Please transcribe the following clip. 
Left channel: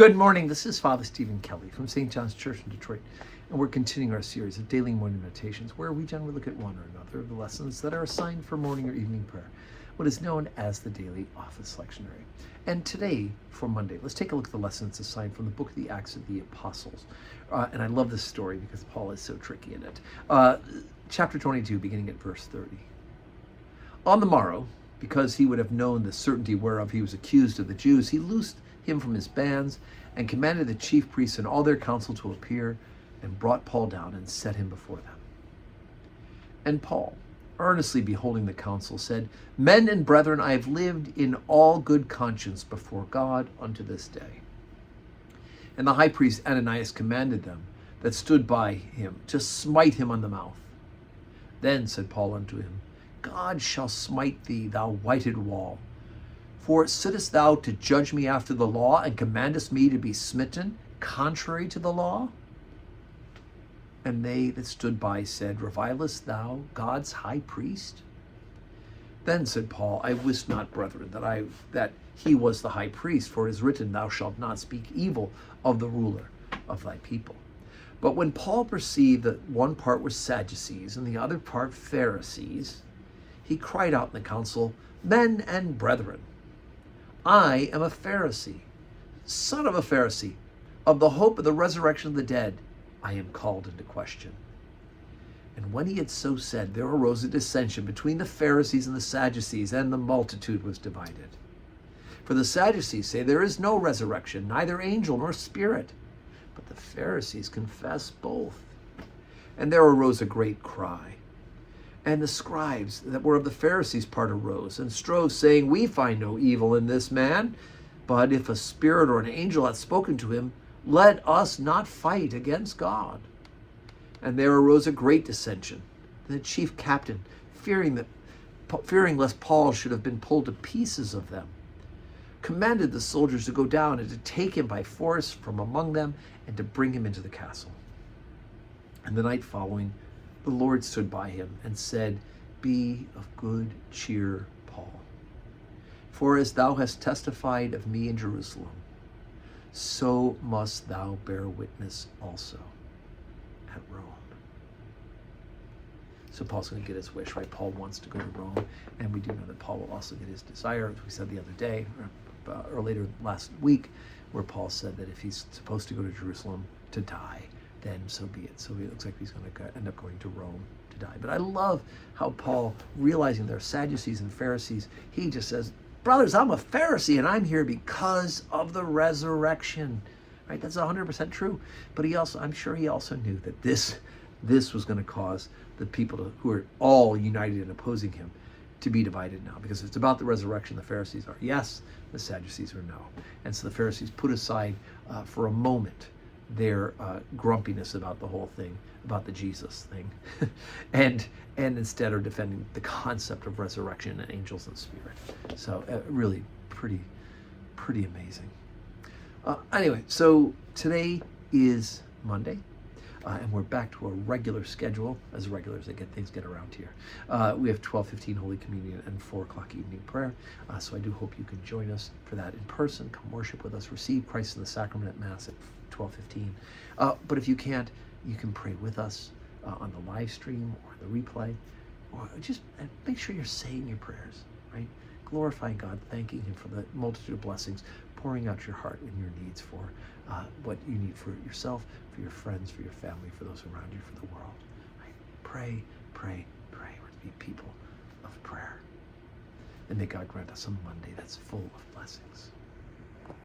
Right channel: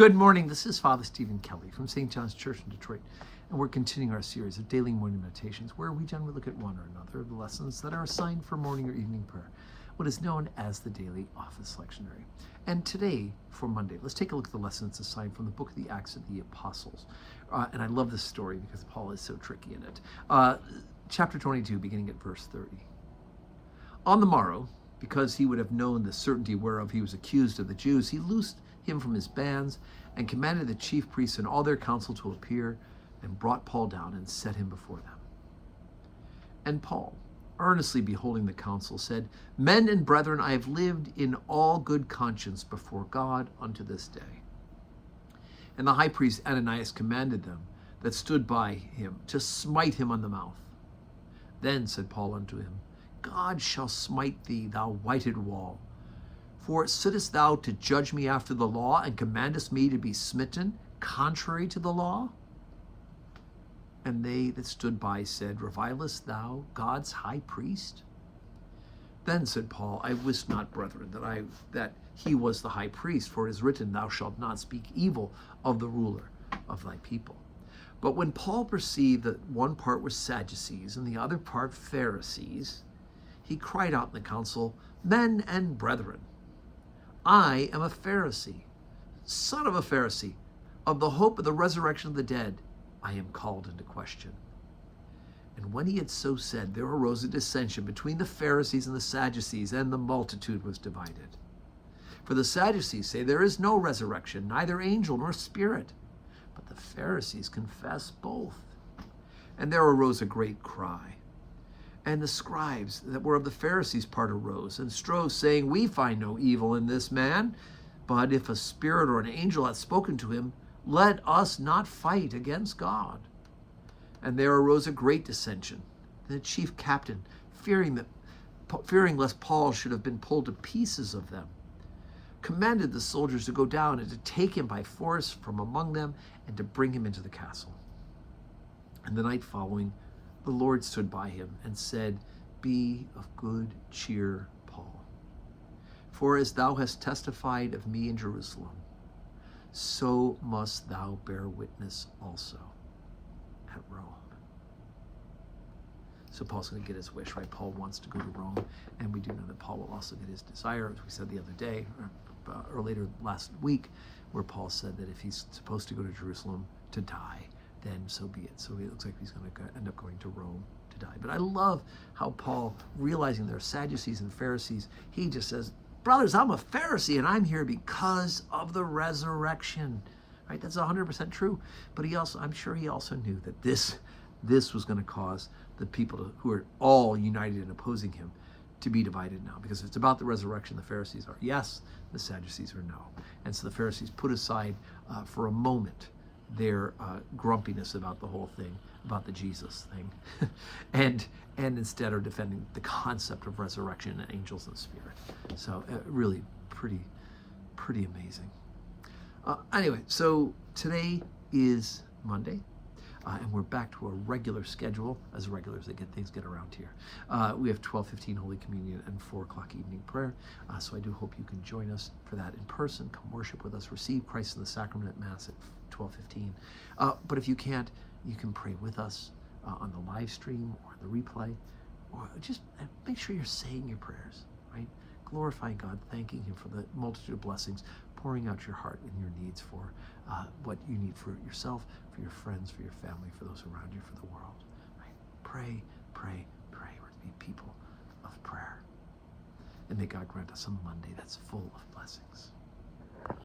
Good morning. This is Father Stephen Kelly from St. John's Church in Detroit, and we're continuing our series of daily morning meditations where we generally look at one or another of the lessons that are assigned for morning or evening prayer, what is known as the daily office lectionary. And today, for Monday, let's take a look at the lessons assigned from the book of the Acts of the Apostles. And I love this story because Paul is so tricky in it. Chapter 22, beginning at verse 30. On the morrow, because he would have known the certainty whereof he was accused of the Jews, he loosed him from his bands and commanded the chief priests and all their council to appear, and brought Paul down and set him before them. And Paul, earnestly beholding the council, said, Men and brethren, I have lived in all good conscience before God unto this day. And the high priest Ananias commanded them that stood by him to smite him on the mouth. Then said Paul unto him, God shall smite thee, thou whited wall. For sittest thou to judge me after the law, and commandest me to be smitten contrary to the law? And they that stood by said, Revilest thou God's high priest? Then said Paul, I wist not, brethren, that he was the high priest, for it is written, Thou shalt not speak evil of the ruler of thy people. But when Paul perceived that one part were Sadducees and the other part Pharisees, he cried out in the council, Men and brethren, I am a Pharisee, son of a Pharisee. Of the hope of the resurrection of the dead, I am called into question. And when he had so said, there arose a dissension between the Pharisees and the Sadducees, and the multitude was divided. For the Sadducees say there is no resurrection, neither angel nor spirit. But the Pharisees confess both. And there arose a great cry. And the scribes that were of the Pharisees' part arose and strove, saying, We find no evil in this man, but if a spirit or an angel hath spoken to him, let us not fight against God. And there arose a great dissension. And the chief captain, fearing lest Paul should have been pulled to pieces of them, commanded the soldiers to go down and to take him by force from among them and to bring him into the castle. And the night following, the Lord stood by him and said, Be of good cheer, Paul. For as thou hast testified of me in Jerusalem, so must thou bear witness also at Rome. So Paul's going to get his wish, right? Paul wants to go to Rome, and we do know that Paul will also get his desire, as we said the other day, or later last week, where Paul said that if he's supposed to go to Jerusalem to die, then so be it. So it looks like he's going to end up going to Rome to die. But I love how Paul, realizing there are Sadducees and Pharisees, he just says, brothers, I'm a Pharisee, and I'm here because of the resurrection. Right? That's 100% true. But I'm sure he also knew that this was going to cause the people who are all united in opposing him to be divided now. Because if it's about the resurrection, the Pharisees are yes, the Sadducees are no. And so the Pharisees put aside for a moment their grumpiness about the whole thing, about the Jesus thing, and instead are defending the concept of resurrection and angels and spirit. So really pretty amazing. Anyway, so today is Monday, and we're back to a regular schedule, as regular as things get around here. We have 12:15 Holy Communion and 4 o'clock evening prayer. So I do hope you can join us for that in person. Come worship with us. Receive Christ in the sacrament at Mass at 12:15. But if you can't, you can pray with us on the live stream or the replay, or just make sure you're saying your prayers, right? Glorifying God, thanking him for the multitude of blessings, pouring out your heart and your needs for what you need for yourself, for your friends, for your family, for those around you, for the world. Right? Pray, pray, pray. We're to be people of prayer. And may God grant us a Monday that's full of blessings.